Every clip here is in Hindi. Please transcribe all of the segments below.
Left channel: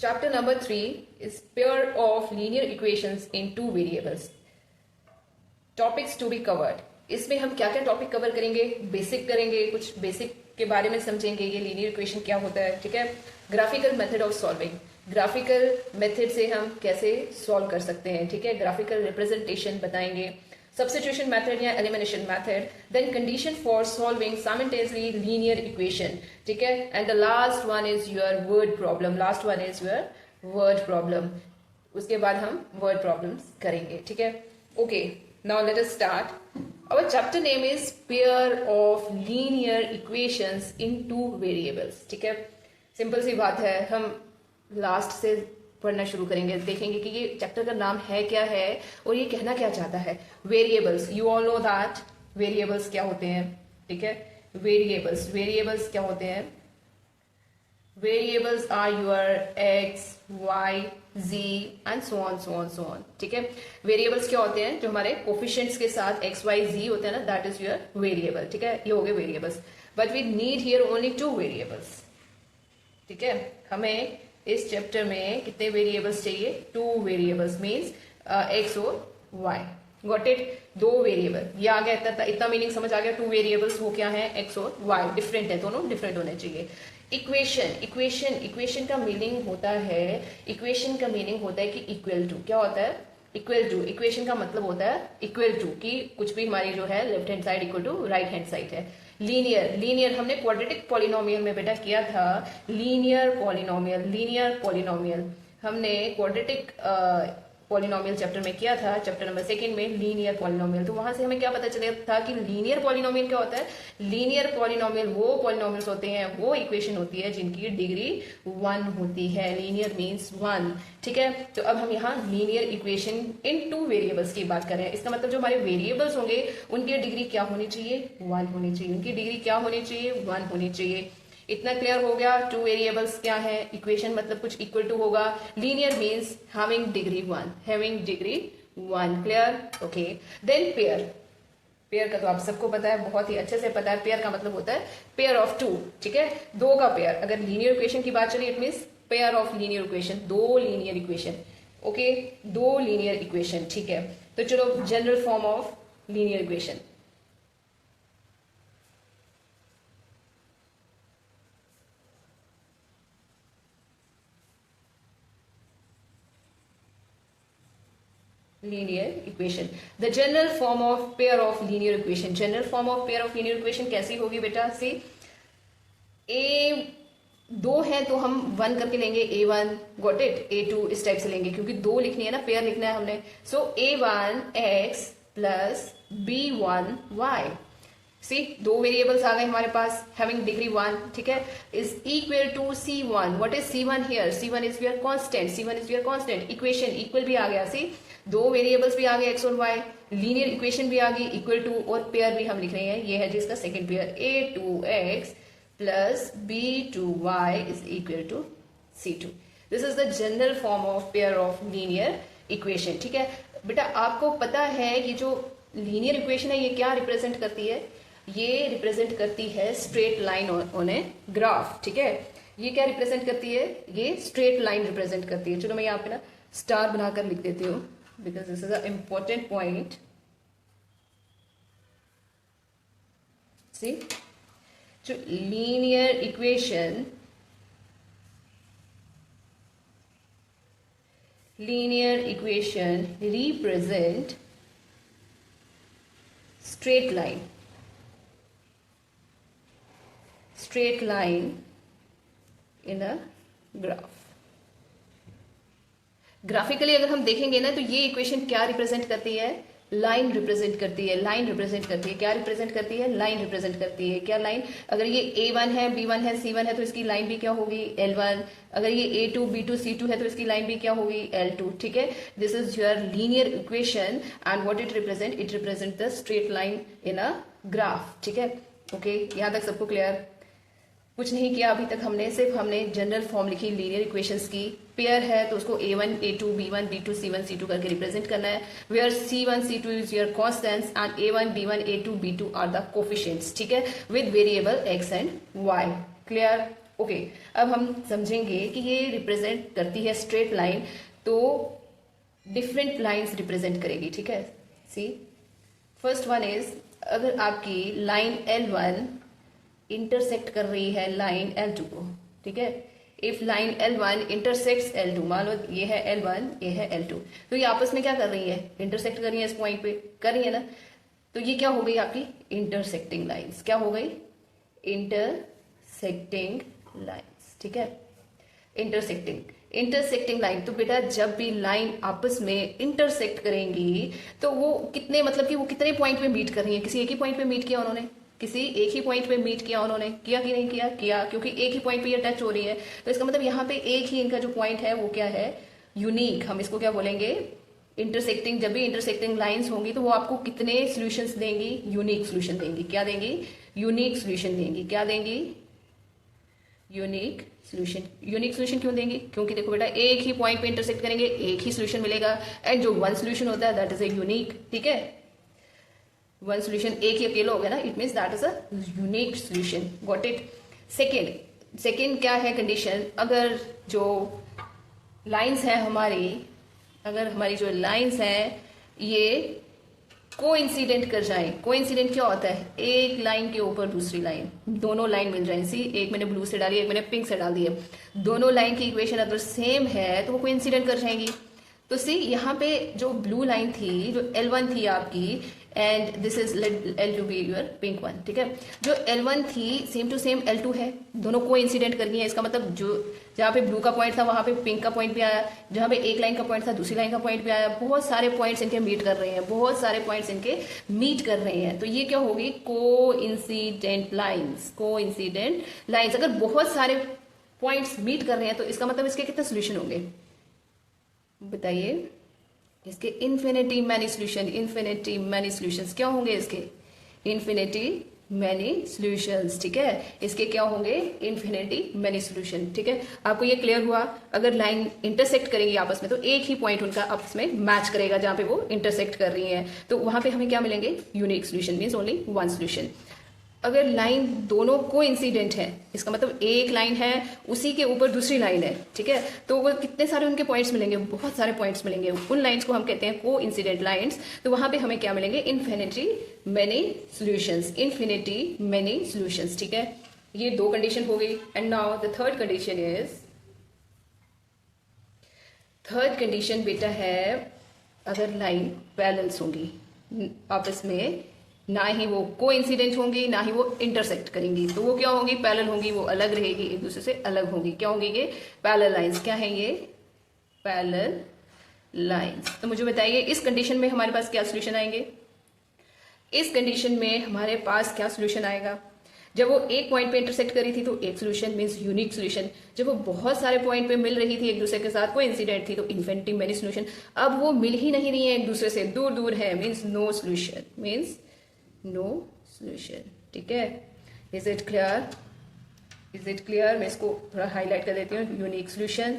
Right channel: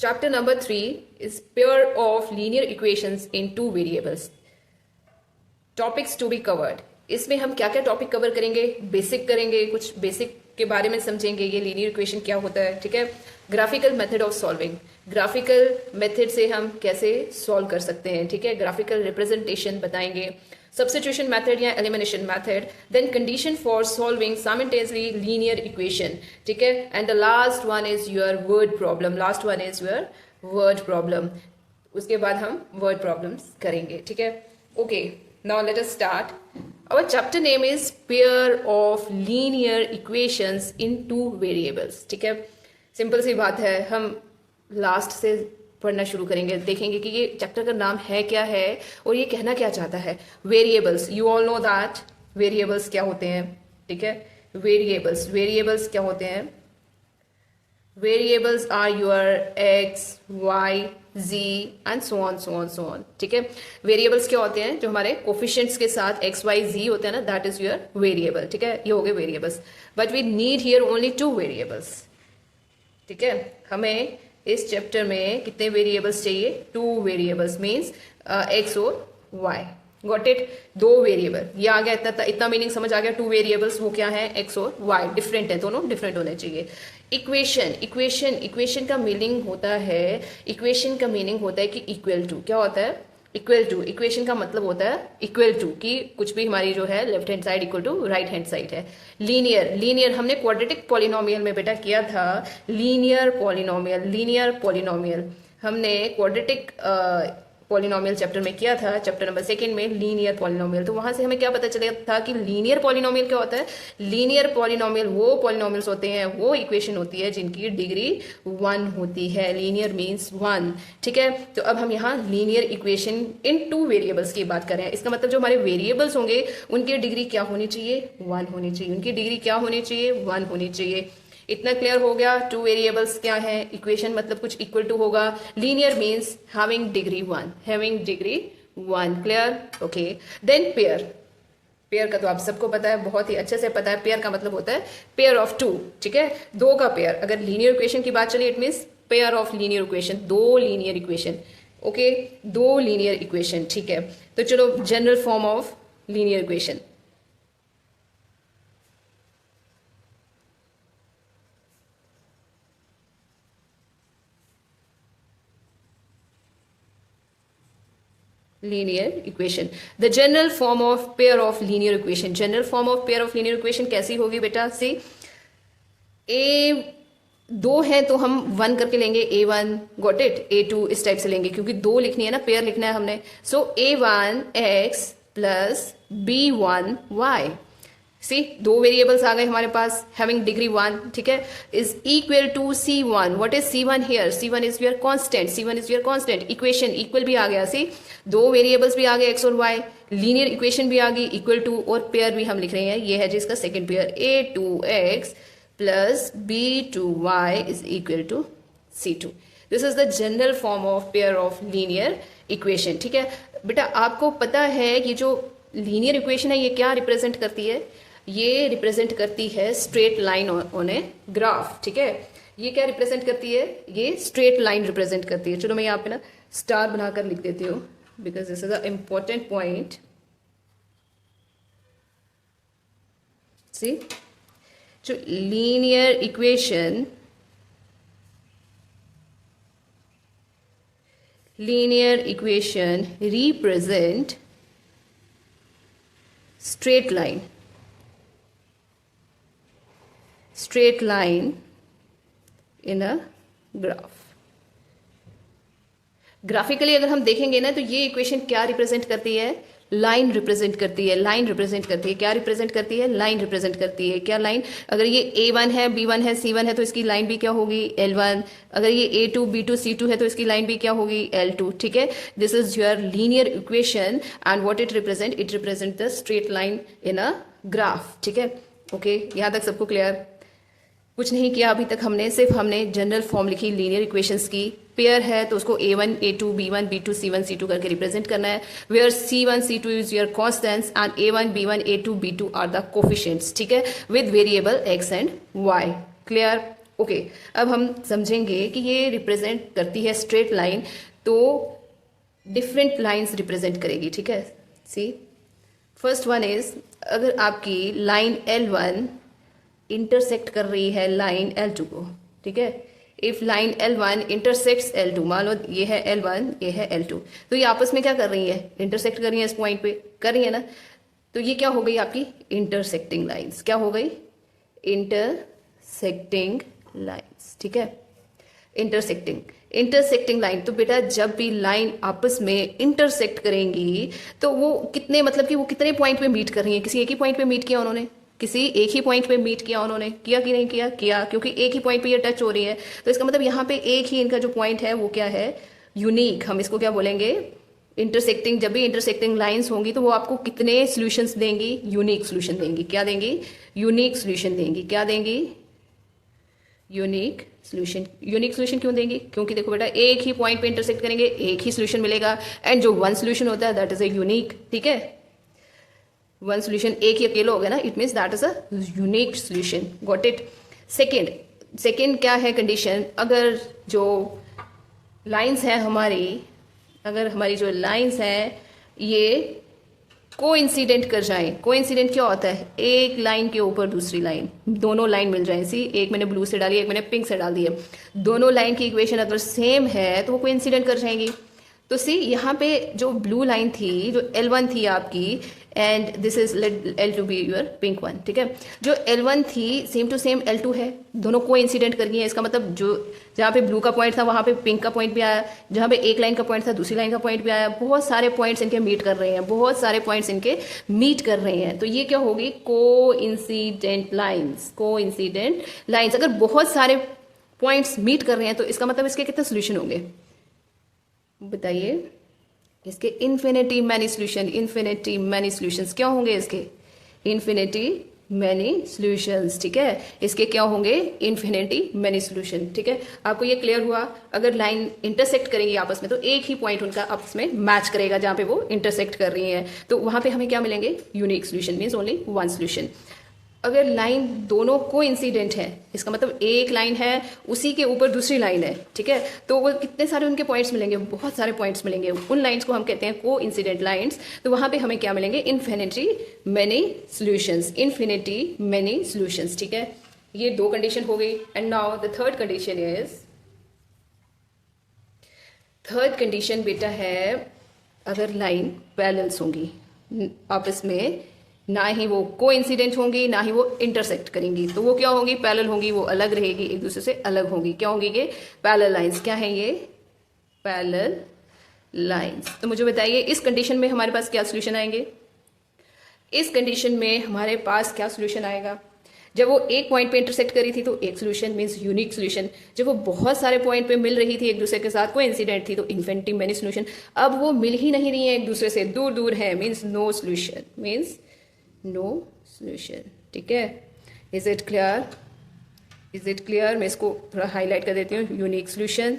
Chapter number 3 is pair of linear equations in two variables. Topics to be covered. इसमें हम क्या क्या टॉपिक कवर करेंगे? बेसिक करेंगे, कुछ बेसिक के बारे में समझेंगे, ये लीनियर इक्वेशन क्या होता है, ठीक है। Graphical method of solving, graphical method से हम कैसे सॉल्व कर सकते हैं, ठीक है। ग्राफिकल रिप्रेजेंटेशन बताएंगे, substitution method या elimination method, then condition for solving simultaneously linear equation, ठीक है। and the last one is your word problem, last one is your word problem. उसके बाद हम word problems करेंगे, ठीक है। okay, now let us start. Our chapter name is pair of linear equations in two variables, ठीक है। सिंपल सी बात है, हम लास्ट से पढ़ना शुरू करेंगे, देखेंगे कि ये चैप्टर का नाम है क्या है और ये कहना क्या चाहता है। Variables, you all know that variables क्या होते हैं, ठीक है। वेरिएबल्स क्या होते हैं? Variables are your x, y, z and so on, ठीक है। वेरिएबल्स क्या होते हैं? जो हमारे कोफिशिएंट्स के साथ एक्स, वाई, जी होते हैं ना, दैट इज योर वेरिएबल, ठीक है। ये हो गए variables, but we need here only two variables, ठीक है। हमें इस चैप्टर में कितने वेरिएबल्स चाहिए? टू वेरिएबल्स, मीन्स एक्स और वाई। Got it? दो वेरिएबल, ये आ गया, इतना मीनिंग समझ आ गया। टू वेरिएबल्स वो क्या है? एक्स और वाई, डिफरेंट है, दोनों डिफरेंट होने चाहिए। इक्वेशन का मीनिंग होता है, इक्वेशन का मीनिंग होता है कि इक्वल टू। क्या होता है? Equal to. इक्वेशन का मतलब होता है इक्वल टू, कि कुछ भी हमारी जो है left hand side equal to right hand side है। लीनियर हमने क्वाड्रेटिक पॉलिनोमियल में बेटा किया था। लीनियर पॉलिनोमियल हमने क्वाड्रेटिक पॉलिनोमियल चैप्टर में किया था, चैप्टर नंबर 2 में लीनियर पॉलिनोमियल। तो वहां से हमें क्या पता चला था कि लीनियर पॉलिनोमियल क्या होता है? लीनियर पॉलिनोमियल वो पॉलिनोमियल्स होते हैं, वो इक्वेशन होती है जिनकी डिग्री 1 होती है। लीनियर मीन्स 1, ठीक है। तो अब हम यहाँ linear equation in two variables की बात कर रहे हैं। इसका मतलब जो हमारे वेरिएबल्स होंगे उनकी डिग्री क्या होनी चाहिए? 1 होनी चाहिए। उनकी डिग्री क्या होनी चाहिए? 1 होनी चाहिए। इतना क्लियर हो गया? टू वेरिएबल्स क्या है? इक्वेशन मतलब कुछ इक्वल टू होगा। Linear means having degree 1, clear? Okay, then pair का तो आप सबको पता है, बहुत ही अच्छे से पता है। पेयर का मतलब होता है पेयर ऑफ टू, ठीक है, दो का पेयर। अगर लीनियर इक्वेशन की बात चले, it means pair of linear equation, दो लीनियर इक्वेशन, ओके, दो लीनियर इक्वेशन, ठीक है। तो चलो, general form of linear equation. linear equation, the general form of pair of linear equation, general form of pair of linear equation कैसी होगी बेटा? से a दो है तो हम 1 करके लेंगे, a1, गॉट इट। a2 इस टाइप से लेंगे, क्योंकि दो लिखनी है ना, पेयर लिखना है हमने। सो a1 x plus b1 y। सी, दो वेरिएबल्स आ गए हमारे पास, हैविंग डिग्री 1, ठीक है, is equal to c1। What is c1 here? c1 is your constant. Equation equal भी आ गया। सी, दो वेरिएबल्स भी आ गए x और y, लीनियर इक्वेशन भी आ गई इक्वल टू, और पेयर भी हम लिख रहे हैं, ये है जिसका second pair, a2x plus b2y is equal to c2। This is the general form of pair of linear equation, ठीक है। बेटा आपको पता है कि जो लीनियर इक्वेशन है ये क्या रिप्रेजेंट करती है? ये रिप्रेजेंट करती है straight line on a graph, ठीक है। ये क्या रिप्रेजेंट करती है? ये स्ट्रेट लाइन रिप्रेजेंट करती है। चलो मैं यहाँ पे ना स्टार बनाकर लिख देती हूँ, because this is a important point. See, जो linear equation represent straight line in a graph। Graphically अगर हम देखेंगे ना, तो ये इक्वेशन क्या रिप्रेजेंट करती है? लाइन रिप्रेजेंट करती है। क्या रिप्रेजेंट करती है? लाइन रिप्रेजेंट करती है। क्या लाइन? अगर ये a1 है, b1 है, c1 है, तो इसकी लाइन भी क्या होगी? l1। अगर ये a2, b2, c2 है, तो इसकी लाइन भी क्या होगी? l2, ठीक है। This is your linear equation and what it represent the straight line in a graph, ठीक है। ओके, यहां तक सबको क्लियर? कुछ नहीं किया अभी तक हमने, सिर्फ हमने जनरल फॉर्म लिखी लीनियर इक्वेशंस की। पेयर है तो उसको a1, a2, b1, b2, c1, c2 करके रिप्रेजेंट करना है, where c1, c2 is your constants and a1, b1, a2, b2 are the coefficients, ठीक है, with variable x and y। Clear? Okay, अब हम समझेंगे कि ये रिप्रेजेंट करती है स्ट्रेट लाइन, तो डिफरेंट लाइंस रिप्रेजेंट करेगी, ठीक है। सी फर्स्ट वन इज, अगर आपकी लाइन L1 इंटरसेक्ट कर रही है लाइन L2 को, ठीक है। If line L1 intersects L2, मान लो ये है L1, ये है L2, तो ये आपस में क्या कर रही है, इंटरसेक्ट कर रही है, इस पॉइंट पे कर रही है ना। तो ये क्या हो गई आपकी इंटरसेक्टिंग लाइंस, क्या हो गई इंटरसेक्टिंग लाइंस, ठीक है। इंटरसेक्टिंग लाइन, तो बेटा जब भी लाइन आपस में इंटरसेक्ट करेंगी तो वो कितने, मतलब कि वो कितने पॉइंट पे मीट कर रही है, किसी एक ही पॉइंट पे मीट किया उन्होंने, किसी एक ही पॉइंट पे मीट किया उन्होंने, किया कि नहीं किया, किया, क्योंकि एक ही पॉइंट पे ये टच हो रही है, तो इसका मतलब यहाँ पे एक ही इनका जो पॉइंट है वो क्या है, यूनिक। हम इसको क्या बोलेंगे, इंटरसेक्टिंग। जब भी इंटरसेक्टिंग लाइंस होंगी तो वो आपको कितने सॉल्यूशंस देंगी, यूनिक सॉल्यूशन देंगी। क्या देंगी, यूनिक सॉल्यूशन देंगी। क्या देंगी, यूनिक सॉल्यूशन। यूनिक सॉल्यूशन क्यों देंगी, क्योंकि देखो बेटा एक ही पॉइंट पे इंटरसेक्ट करेंगे, एक ही सॉल्यूशन मिलेगा, एंड जो वन सॉल्यूशन होता है दैट इज अ यूनिक, ठीक है। वन सॉल्यूशन एक ही अकेला हो गया ना, it means that is a unique solution. Got it. Second क्या है कंडीशन, अगर जो लाइंस है हमारी, अगर हमारी जो लाइंस हैं ये कोइंसिडेंट कर जाए। कोइंसिडेंट क्या होता है, एक लाइन के ऊपर दूसरी लाइन, दोनों लाइन मिल जाए। सी एक मैंने ब्लू से डाली, एक मैंने पिंक से डाल दी है, दोनों लाइन की इक्वेशन अगर सेम है तो वो कोइंसिडेंट कर जाएंगी। तो सी यहाँ पे जो ब्लू लाइन थी, जो L1 थी आपकी, and this is L2 be your pink one, ठीक है। जो L1 थी सेम टू सेम L2 है, दोनों को इंसिडेंट कर गई है। इसका मतलब जो जहाँ पे ब्लू का पॉइंट था वहां पे पिंक का पॉइंट भी आया, जहाँ पे एक लाइन का पॉइंट था दूसरी लाइन का पॉइंट भी आया। बहुत सारे पॉइंट्स इनके मीट कर रहे हैं, बहुत सारे पॉइंट्स इनके मीट कर रहे हैं। तो ये क्या होगी, को इंसिडेंट लाइन्स। को इंसिडेंट लाइन्स, अगर बहुत सारे पॉइंट्स मीट कर रहे हैं तो इसका मतलब इसके कितने सोल्यूशन होंगे बताइए। इसके infinity many solution. Infinity many solutions क्या होंगे इसके, इन्फिनिटी मैनी सॉल्यूशंस, ठीक है। इसके क्या होंगे, इन्फिनिटी मैनी सॉल्यूशन, ठीक है। आपको ये क्लियर हुआ। अगर लाइन इंटरसेक्ट करेंगी आपस में तो एक ही पॉइंट उनका आपस में मैच करेगा जहां पे वो इंटरसेक्ट कर रही हैं, तो वहां पे हमें क्या मिलेंगे, unique solution, means only one solution. अगर लाइन दोनों को इंसिडेंट है, इसका मतलब एक लाइन है उसी के ऊपर दूसरी लाइन है, ठीक है, तो वो कितने सारे उनके पॉइंट्स मिलेंगे, बहुत सारे पॉइंट्स मिलेंगे। उन लाइंस को हम कहते हैं को इंसिडेंट लाइंस। तो वहां पे हमें क्या मिलेंगे, infinity many solutions. Infinity many solutions, ठीक है। ये दो कंडीशन हो गई। And now the third condition is, third condition बेटा है, अगर लाइन पैरेलल्स होंगी आपस में, ना ही वो कोइंसिडेंट होंगी ना ही वो इंटरसेक्ट करेंगी, तो वो क्या होंगी, पैरेलल होंगी, वो अलग रहेगी, एक दूसरे से अलग होंगी। क्या होंगी ये, पैरेलल लाइंस। क्या है ये, पैरेलल लाइंस। तो मुझे बताइए इस कंडीशन में हमारे पास क्या सोल्यूशन आएंगे, इस कंडीशन में हमारे पास क्या सोल्यूशन आएगा। जब वो एक पॉइंट पे इंटरसेक्ट करी थी तो एक सोल्यूशन मींस यूनिक सोल्यूशन। जब वो बहुत सारे पॉइंट पे मिल रही थी एक दूसरे के साथ, कोई इंसिडेंट थी, तो इन्फिनिटी मैनी सोल्यूशन। अब वो मिल ही नहीं रही है एक दूसरे से, दूर दूर है, means no solution, means no solution, ठीक है। Is it clear, is it clear. मैं इसको थोड़ा हाईलाइट कर देती हूँ। Unique solution,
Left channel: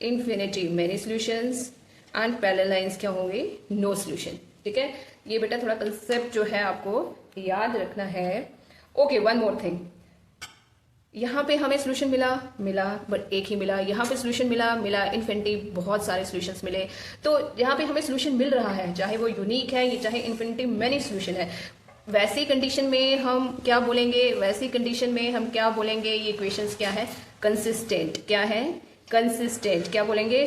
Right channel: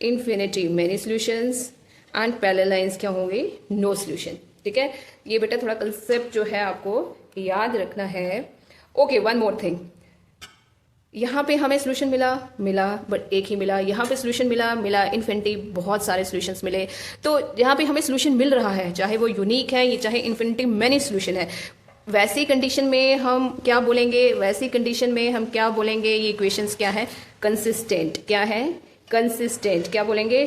infinity many solutions, and parallel lines क्या होंगी, नो सोल्यूशन, ठीक है। ये बेटा थोड़ा कंसेप्ट जो है आपको याद रखना है। ओके, वन मोर थिंग, यहाँ पे हमें सोल्यूशन मिला बट एक ही मिला, यहाँ पे सोल्यूशन मिला इन्फिनिटी बहुत सारे सॉल्यूशंस मिले। तो यहाँ पे हमें सोल्यूशन मिल रहा है, चाहे वो यूनिक है या चाहे इन्फिनिटी मैनी सोल्यूशन है, वैसी कंडीशन में हम क्या बोलेंगे, वैसी कंडीशन में हम क्या बोलेंगे, ये इक्वेशंस क्या है, कंसिस्टेंट। क्या है, कंसिस्टेंट। क्या बोलेंगे,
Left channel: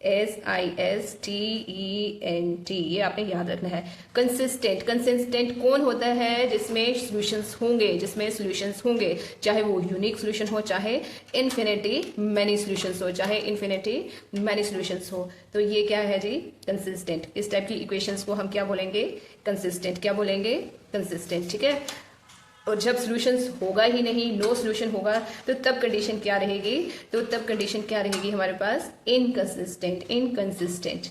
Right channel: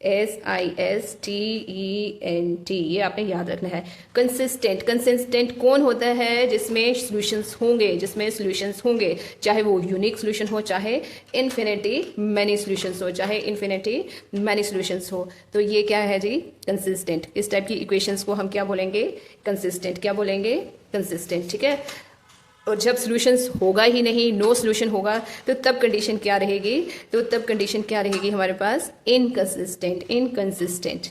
CONSISTENT, ये आपने याद रखना है। कंसिस्टेंट। कंसिस्टेंट कौन होता है, जिसमें सॉल्यूशंस होंगे, जिसमें सॉल्यूशंस होंगे, चाहे वो यूनिक सॉल्यूशन हो, चाहे इन्फिनिटी मैनी सॉल्यूशंस हो, चाहे इन्फिनिटी मैनी सॉल्यूशंस हो। तो ये क्या है जी, कंसिस्टेंट। इस टाइप की इक्वेशंस को हम क्या बोलेंगे, कंसिस्टेंट। क्या बोलेंगे, कंसिस्टेंट, ठीक है। और जब सॉल्यूशंस होगा ही नहीं, नो सॉल्यूशन होगा, तो तब कंडीशन क्या रहेगी, तो तब कंडीशन क्या रहेगी हमारे पास, इनकंसिस्टेंट। इनकंसिस्टेंट,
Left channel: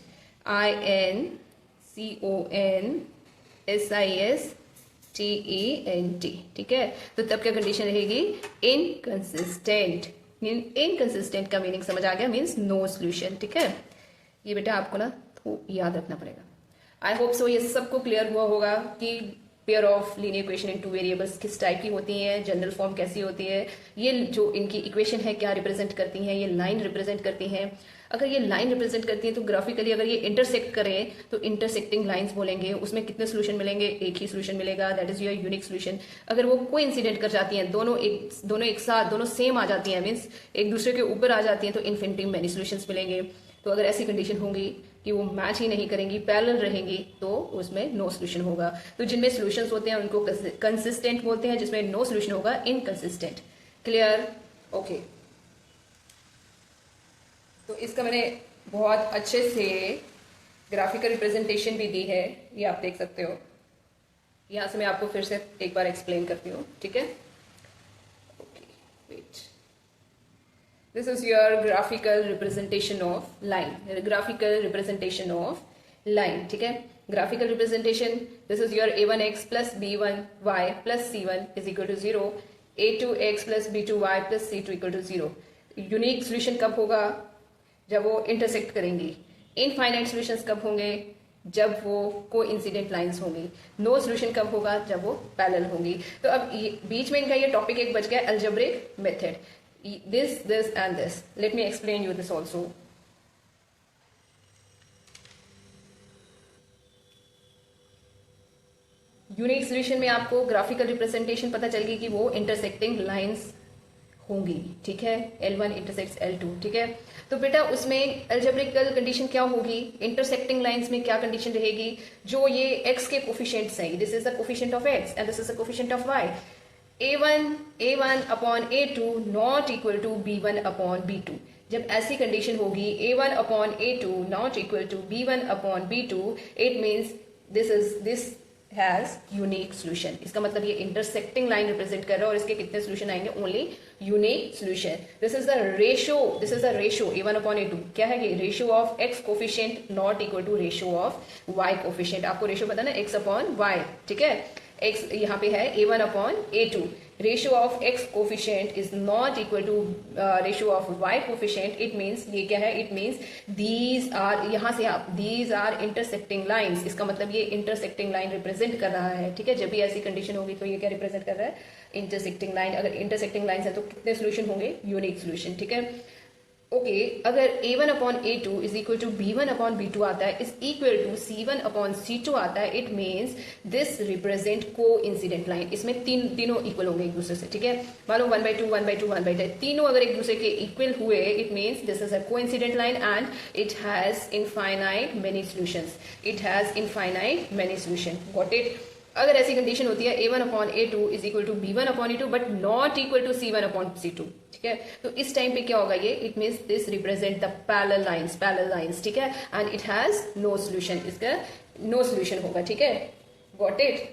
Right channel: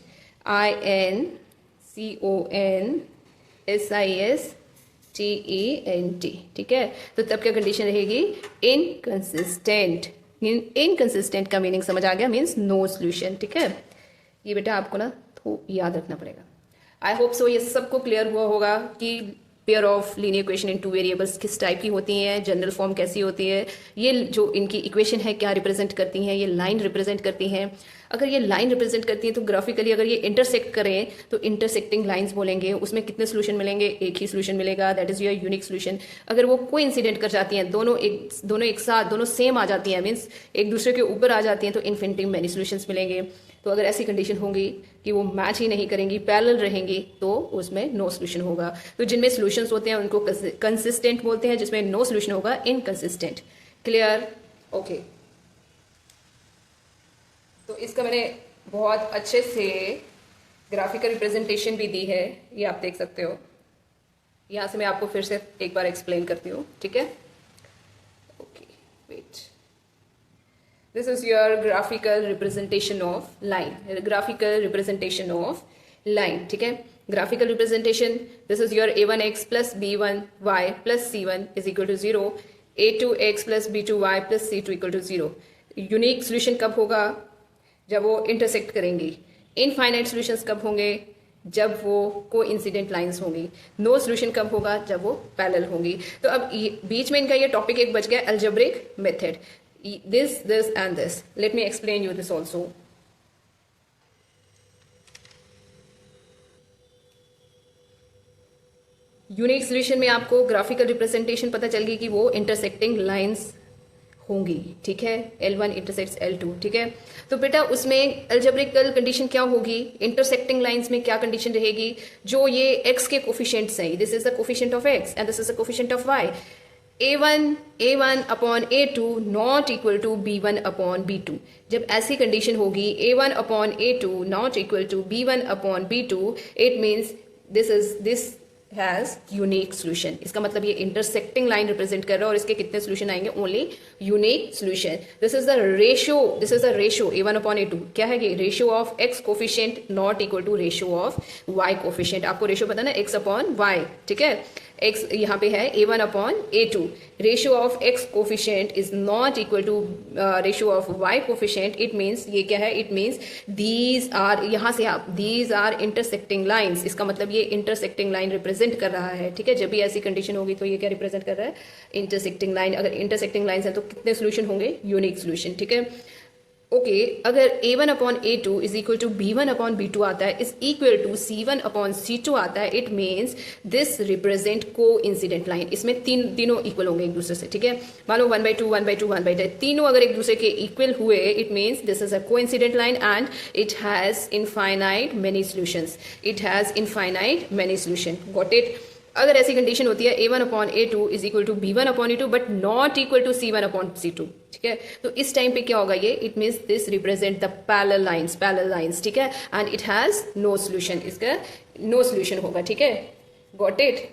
INCONSISTENT, ठीक है। तो तब क्या कंडीशन रहेगी, इनकंसिस्टेंट। इनकंसिस्टेंट का मीनिंग समझ आ गया, मीन्स नो सॉल्यूशन, ठीक है। ये बेटा आपको ना तो याद रखना पड़ेगा। आई होप सो ये सबको क्लियर हुआ होगा कि pair of linear equation in two variables किस टाइप की होती हैं, जनरल फॉर्म कैसी होती है, ये जो इनकी इक्वेशन है क्या रिप्रेजेंट करती हैं, ये लाइन रिप्रेजेंट करती हैं। अगर ये लाइन रिप्रेजेंट करती हैं तो ग्राफिकली अगर ये इंटरसेक्ट करें तो इंटरसेक्टिंग लाइंस बोलेंगे, उसमें कितने सोल्यूशन मिलेंगे, एक ही सोल्यूशन मिलेगा, that is your unique solution. अगर वो कोइंसिडेंट कर जाती हैं, दोनों एक साथ, दोनों सेम आ जाती हैं, मीन्स एक दूसरे के ऊपर आ जाती हैं, तो इन्फिनिटी मैनी सोल्यूशंस मिलेंगे। तो अगर ऐसी कंडीशन होंगी कि वो मैच ही नहीं करेंगी, पैरेलल रहेंगी, तो उसमें नो सोल्यूशन होगा। तो जिनमें सोल्यूशंस होते हैं उनको कंसिस्टेंट बोलते हैं, जिसमें नो सोल्यूशन होगा इनकंसिस्टेंट। क्लियर? ओके। तो इसका मैंने बहुत अच्छे से ग्राफिकल रिप्रेजेंटेशन भी दी है, ये आप देख सकते हो। यहां से मैं आपको फिर से एक बार एक्सप्लेन करती हूँ, ठीक है? Okay, wait. This is your graphical representation of line, graphical representation of line, ठीक है? Graphical representation, this is your a1x plus b1y plus c1 is equal to 0, a2x plus b2y plus c2 equal to 0। Unique solution कब होगा? जब वो इंटरसेक्ट करेंगी। इनफाइनाइट सॉल्यूशंस कब होंगे? जब वो कोइंसिडेंट लाइंस होंगी। नो सॉल्यूशन कब होगा? जब वो पैरेलल होंगी। तो अब बीच में इनका ये टॉपिक एक बच गया, algebraic method, this and this. Let me explain you this also. Unique solution में आपको ग्राफिकल रिप्रेजेंटेशन पता चल गई कि वो इंटरसेक्टिंग लाइंस होंगी, ठीक है? L1 इंटरसेक्ट्स L2, ठीक है? तो बेटा उसमें अलजेब्रिकल कंडीशन क्या होगी? इंटरसेक्टिंग लाइंस में क्या कंडीशन रहेगी? जो ये x के कोफिशिएंट्स हैं, this is the coefficient of x and this is the coefficient of y, a1 upon a2 not equal to b1 upon b2। जब ऐसी कंडीशन होगी a1 upon a2 not equal to b1 upon b2, it means this has unique solution. इसका मतलब ये इंटरसेक्टिंग लाइन रिप्रेजेंट कर रहा है और इसके कितने सोल्यूशन आएंगे? Only unique solution. This is the ratio a1 upon a2। क्या है ये? Ratio of x coefficient not equal to ratio of y coefficient. आपको रेशियो पता ना, x अपॉन y, ठीक है? x यहाँ पे है a1 upon a2। Ratio of x coefficient is not equal to ratio of y coefficient. It means ये क्या है? इट मीन्स दीज आर, यहाँ से आप, दीज आर इंटरसेक्टिंग लाइन्स। इसका मतलब ये इंटरसेक्टिंग लाइन रिप्रेजेंट कर रहा है, ठीक है? जब भी ऐसी कंडीशन होगी तो ये क्या रिप्रेजेंट कर रहा है? Intersecting line. अगर इंटरसेक्टिंग लाइन है तो कितने सोल्यूशन होंगे? यूनिक सोल्यूशन, ठीक है? ओके, अगर a1 upon a2 is equal to b1 upon b2 आता है, is equal to c1 upon c2 आता है, इट मीन्स दिस रिप्रेजेंट को इंसिडेंट लाइन। इसमें तीनों इक्वल होंगे एक दूसरे से, ठीक है? मान लो 1/2 1/2 1/2, तीनों अगर एक दूसरे के इक्वल हुए, it means this is a coincident line and it has infinite many solutions. It has infinite many solution. Got it? अगर ऐसी कंडीशन होती है a1 upon a2 is equal to b1 upon a2 but not equal to c1 upon c2, ठीक है? तो इस टाइम पे क्या होगा? ये it means this represent the parallel lines, ठीक है? And it has no solution. इसका नो सोल्यूशन होगा, ठीक है? Got it?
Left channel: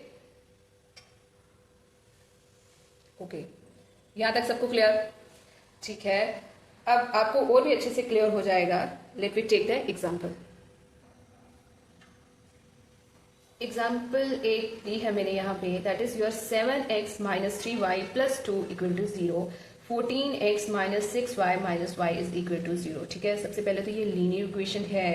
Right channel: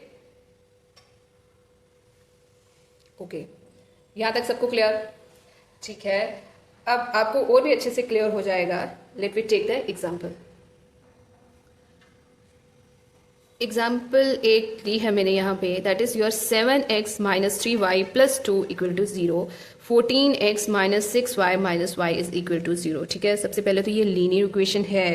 ओके, यहां तक सबको क्लियर? ठीक है, अब आपको और भी अच्छे से क्लियर हो जाएगा। Let me take the example. Example एक ली है मैंने यहाँ पे, that is your 7x minus 3y plus 2 equal to 0, 14x minus 6y minus y is equal to 0, ठीक है? सबसे पहले तो ये लीनियर इक्वेशन है।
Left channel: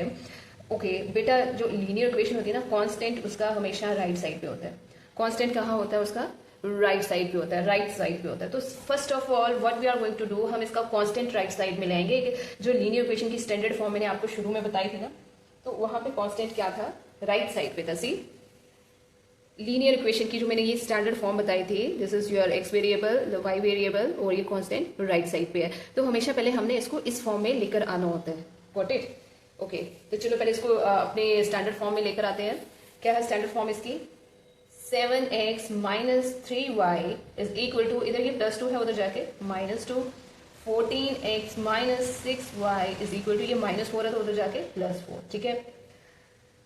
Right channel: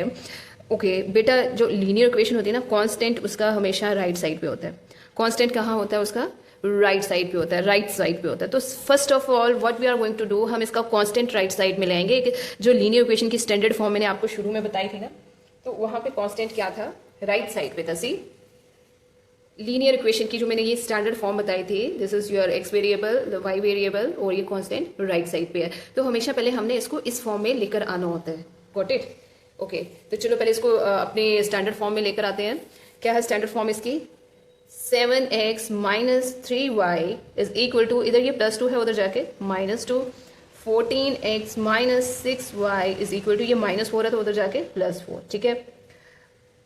ओके बेटा, जो लीनियर इक्वेशन होती है ना, कांस्टेंट उसका हमेशा राइट साइड पे होता है। कांस्टेंट कहाँ होता है? उसका राइट साइड पे होता है, राइट साइड पे होता है। तो first of all what we are going to do, हम इसका कांस्टेंट राइट साइड में लेंगे। जो लीनियर इक्वेशन की स्टैंडर्ड फॉर्म मैंने आपको शुरू में बताई थी ना, तो वहां पे कांस्टेंट क्या था? राइट साइड पे था। सी, लीनियर इक्वेशन की जो मैंने ये स्टैंडर्ड फॉर्म बताई थी, this is your x variable, y variable और ये कांस्टेंट राइट साइड पे है। तो हमेशा पहले हमने इसको इस फॉर्म में लेकर आना होता है। Got it? ओके, तो चलो पहले इसको अपने स्टैंडर्ड फॉर्म में लेकर आते हैं। क्या है स्टैंडर्ड फॉर्म इसकी? 7x minus 3y is equal to, इधर ये प्लस 2 है, उधर जाके -2, 14x minus 6y is equal to, ये -4 है तो उधर जाके +4, ठीक है?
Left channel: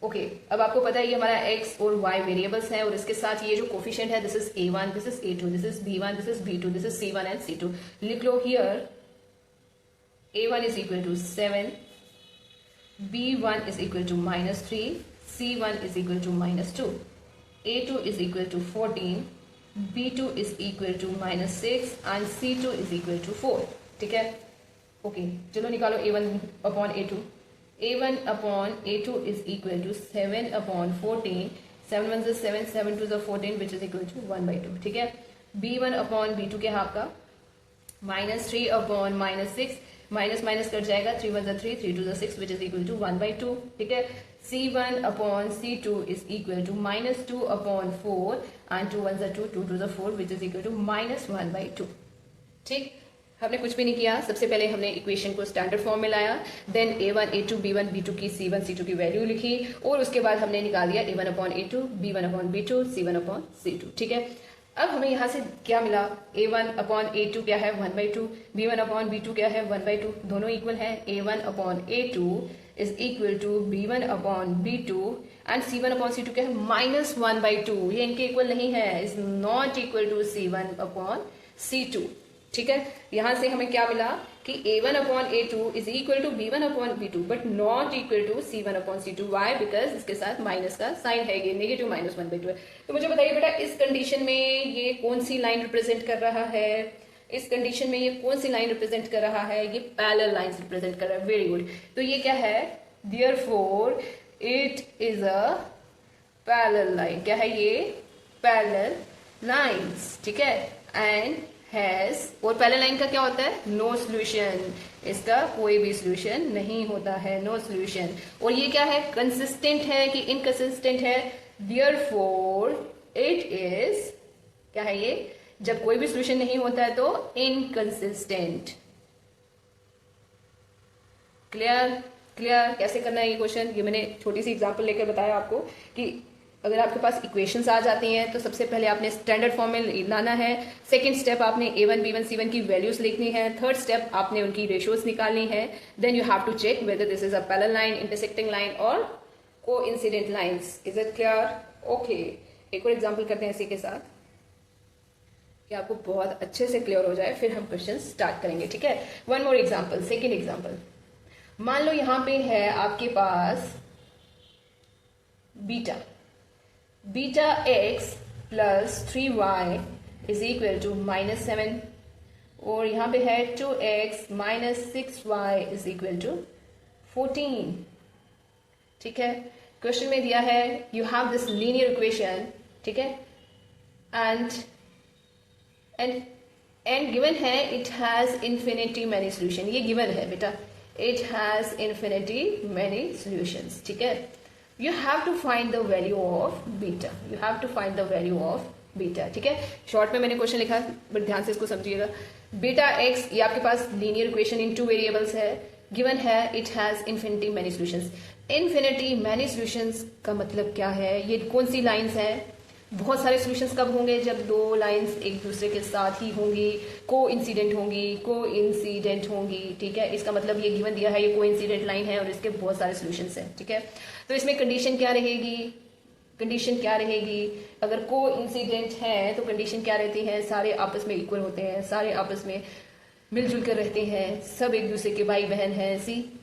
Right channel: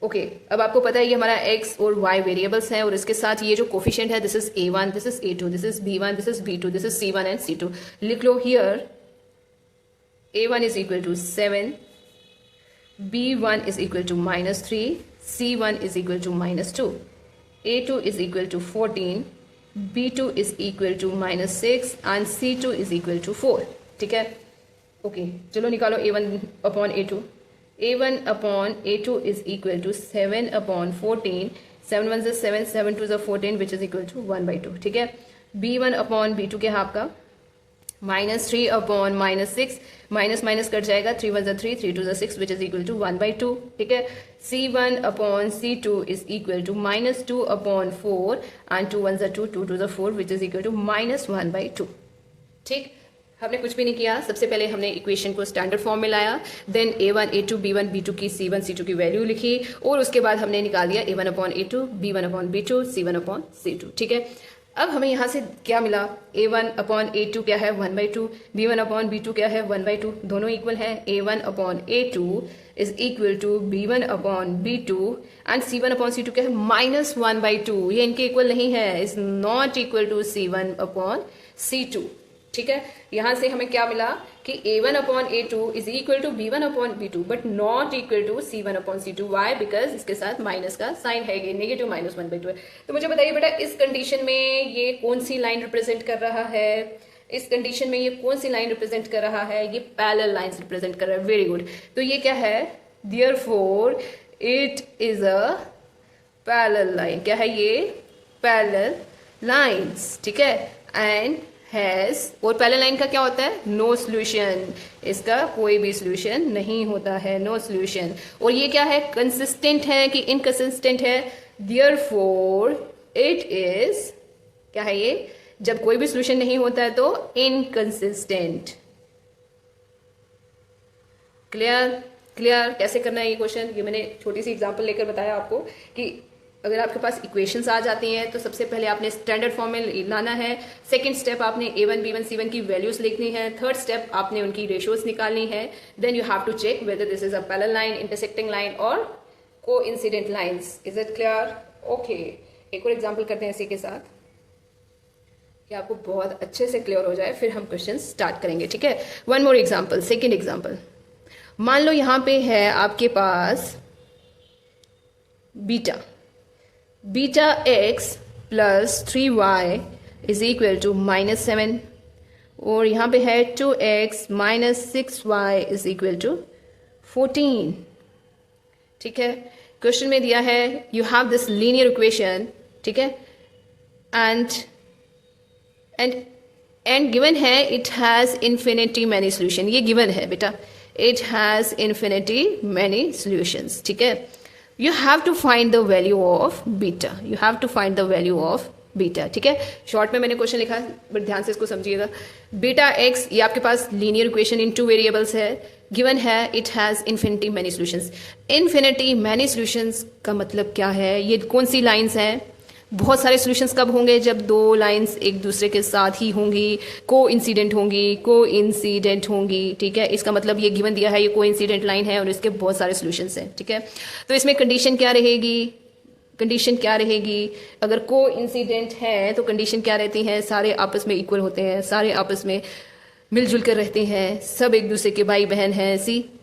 ओके, अब आपको पता है ये हमारा x और y वेरिएबल्स हैं और इसके साथ ये जो कोफिशिएंट है, this is a1, this is a2, this is b1, this is b2, this is c1 and c2। लिख लो here a1 is equal to 7, b1 is equal to -3, c1 is equal to -2, a2 is equal to 14, b2 is equal to -6 and c2 is equal to 4, ठीक है? ओके, चलो निकालो a1 upon a2। a1 upon a2 is equal to 7 upon 14 7 1 से 7, 7 2 से 14 विच इज इक्वल टू 1/2. ठीक है. b1 अपॉन b2 क्या है आपका -3 अपॉन -6, माइनस माइनस कट जाएगा, 3 1 से 3, 3 2 से 6 विच इज इक्वल टू 1/2. ठीक है. c1 upon c2 is equal to -2 upon 4 and 2 1 से 2, 2 2 से 4 विच इज इक्वल टू -1/2. ठीक. हमने कुछ भी नहीं किया. सबसे पहले हमने इक्वेशन को स्टैंडर्ड फॉर्म में लाया, then a1 a2 b1 b2 की c1 c2 की वैल्यू लिखी और उसके बाद हमने निकाल लिया a1 upon a2 b1 upon b2 c1 upon c2. ठीक है. अब हमें यहाँ से क्या मिला, a1 अपॉन a2 क्या है 1/2, b1 अपॉन b2 क्या है 1/2, दोनों इक्वल हैं. a1 upon a2 is equal to b1 upon b2 and c1 upon c2 क्या है -1/2. ये इनके इक्वल नहीं है, is not equal to c1 upon c2. ठीक है. यहां से हमें क्या मिला कि a1 upon a2 is equal to b1 upon b2 but not equal to c1 upon c2. Why? Because इसके साथ माइनस का साइन है, ये नेगेटिव -1/2 है. तो मुझे बताइए बेटा, इस कंडीशन में ये कौन सी लाइन रिप्रेजेंट कर रहा है? इस कंडीशन में ये कौन सी लाइन रिप्रेजेंट कर रहा है? ये पैरेलल लाइंस रिप्रेजेंट कर रहा है. Very good. तो ये क्या है? Therefore it is a parallel line. क्या है ये? Parallel lines. ठीक है. एंड हैज, और पैरेलल लाइन का क्या होता है? No solution. इसका कोई भी सॉल्यूशन नहीं होता है, नो सॉल्यूशन. और ये क्या है? कंसिस्टेंट है कि इनकंसिस्टेंट है? देयरफॉर इट इज, क्या है ये? जब कोई भी सॉल्यूशन नहीं होता है तो इनकंसिस्टेंट. क्लियर? क्लियर? कैसे करना है ये क्वेश्चन? ये मैंने छोटी सी एग्जांपल लेकर बताया आपको कि अगर आपके पास इक्वेशंस आ जाती हैं तो सबसे पहले आपने स्टैंडर्ड फॉर्म में लाना है. सेकंड स्टेप आपने a1 b1 c1 की वैल्यूज लिखनी है. थर्ड स्टेप आपने उनकी रेशियोज निकालनी है. Then you have to check whether this is a parallel line, intersecting line और coincident lines. Is it clear? Okay. एक और एग्जांपल करते हैं इसी के साथ कि आपको बहुत अच्छे से क्लियर हो जाए, फिर हम क्वेश्चन स्टार्ट करेंगे. ठीक है. One more example, second example. मान लो यहां पे है आपके पास beta x plus 3y is equal to -7 और यहाँ पे है 2x minus 6y is equal to 14. ठीक है. क्वेश्चन में दिया है you have this linear equation. ठीक है. एंड गिवन है it has infinity many solution. ये गिवन है बेटा, it has infinity many solutions. ठीक है. You have to find the value of beta. You have to find the value of beta. ठीक है. शॉर्ट में मैंने क्वेश्चन लिखा है बट ध्यान से इसको समझिएगा. बीटा x, ये आपके पास लीनियर इक्वेशन इन 2 वेरिएबल्स है. गिवन है it has infinity many solutions. Infinity many solutions का मतलब क्या है? ये कौन सी लाइंस हैं? बहुत सारे सॉल्यूशंस कब होंगे? जब दो लाइंस एक दूसरे के साथ ही होंगी, कोइंसिडेंट होंगी. ठीक है. इसका मतलब ये गिवन दिया है ये कोइंसिडेंट लाइन है और इसके बहुत सारे सॉल्यूशंस हैं. ठीक है. तो इसमें कंडीशन क्या रहेगी? अगर कोइंसिडेंट है तो कंडीशन क्या रहती है? सारे आपस में इक्वल होते हैं, सारे आपस में मिलजुल कर रहते हैं, सब एक दूसरे के भाई बहन हैं.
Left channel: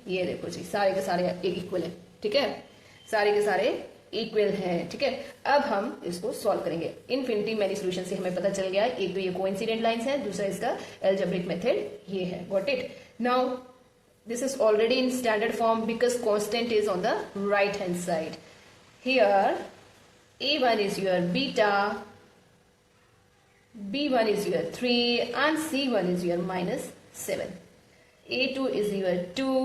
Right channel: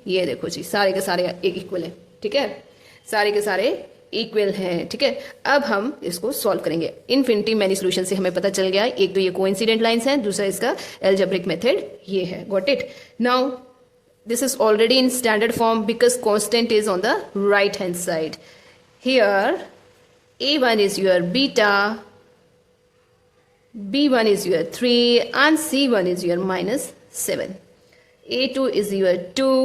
ये देखो जी, सारे के सारे एक इक्वल हैं. ठीक है. सारे के सारे इक्वल है. ठीक है. अब हम इसको सॉल्व करेंगे. इन्फिनिटी मैनी सॉल्यूशन से हमें पता चल गया, एक तो ये कोइंसिडेंट लाइंस हैं, दूसरा इसका एल्जेब्रिक मेथड ये है. Got it? Now this is already in standard form because constant is on the right hand side. Here a1 is your beta, b1 is your 3 and c1 is your -7. a2 is your 2,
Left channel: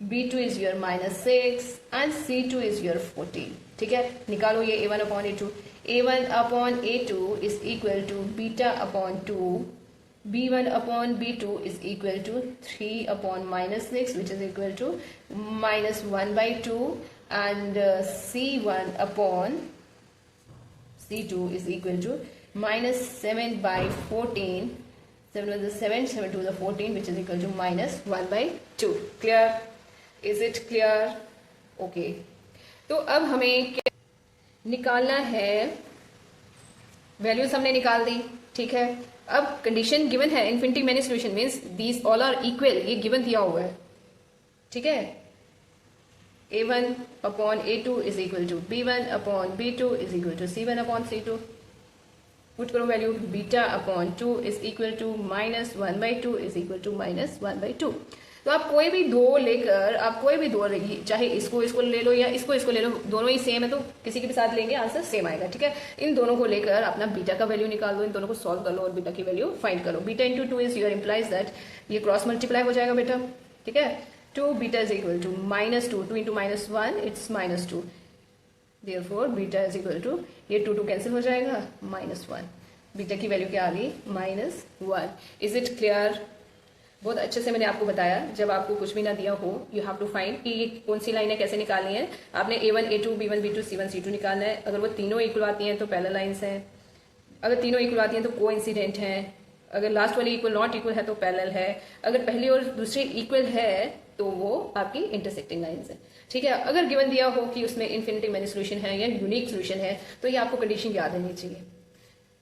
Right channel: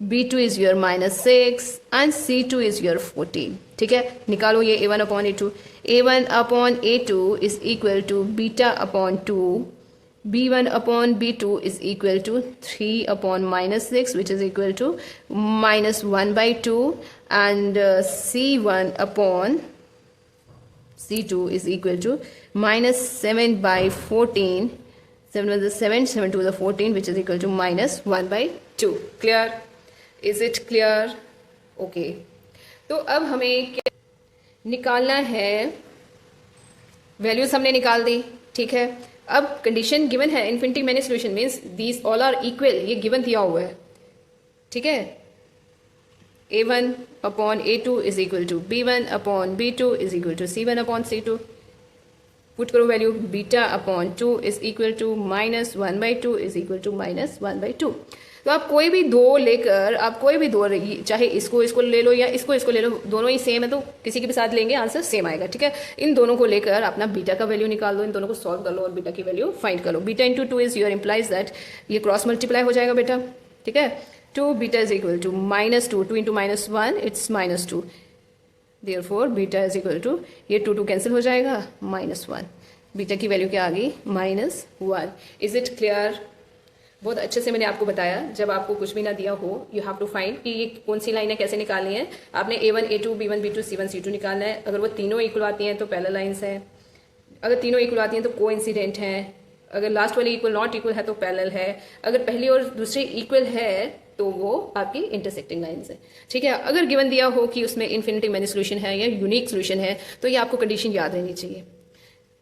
b2 is your -6 and c2 is your 14. ठीक है. निकालो ये a1 upon a2. a1 upon a2 is equal to beta upon 2, b1 upon b2 is equal to 3 upon -6 which is equal to -1/2 and c1 upon c2 is equal to -7/14. 7 1 is 7, 7 2 is 14 which is equal to -1/2. Clear? Is it clear? Okay. तो अब हमें क्या निकालना है? वैल्यूज हमने निकाल दी. ठीक है. अब कंडीशन गिवन है infinity many solution means these all are equal. ये गिवन दिया हुआ है. ठीक है. a1 upon a2 is equal to b1 upon b2 is equal to c1 upon c2. Put करो value. Beta upon 2 is equal to -1/2 is equal to -1/2. तो आप कोई भी दो लेकर, आप कोई भी दो, चाहे इसको ले लो या इसको ले लो, दोनों ही सेम है तो किसी के भी साथ लेंगे आंसर सेम आएगा, ठीक है। इन दोनों को लेकर अपना बीटा का वैल्यू निकाल दो, इन दोनों को सॉल्व कर लो और बीटा की वैल्यू फाइंड कर लो। Beta into 2 is your implies that, ये क्रॉस मल्टीप्लाई हो जाएगा बेटा, ठीक है। 2 beta is equal to -2, 2 into -1 it's -2, therefore beta is equal to, ये 2 कैंसिल हो जाएगा, -1, बीटा की वैल्यू क्या आ गई, -1। Is it clear? बहुत अच्छे से मैंने आपको बताया, जब आपको कुछ भी ना दिया हो यू हैव टू फाइंड कि ये कौन सी लाइन है, कैसे निकालनी है। आपने A1 A2 B1 B2 C1 C2 निकालना है। अगर वो तीनों इक्वल आती हैं तो पैरेलल लाइंस है, अगर तीनों इक्वल आती हैं तो कोइंसिडेंट है, अगर लास्ट वाली इक्वल नॉट इक्वल है तो पैरेलल है, अगर पहली और दूसरी इक्वल है तो वो आपकी इंटरसेक्टिंग लाइंस है, ठीक है। अगर गिवन दिया हो कि उसमें इन्फिनिटी मैनी सोल्यूशन है या यूनिक सोल्यूशन है तो ये आपको कंडीशन याद रहनी चाहिए,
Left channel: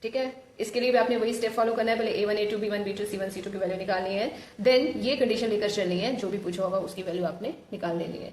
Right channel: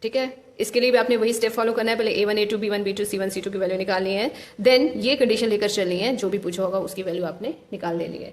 ठीक है। इसके लिए भी आपने वही स्टेप फॉलो करना है, पहले A1 A2 B1 B2 C1 C2 की वैल्यू निकालनी है, देन ये कंडीशन लेकर चलनी है, जो भी पूछा होगा उसकी वैल्यू आपने निकाल लेनी है।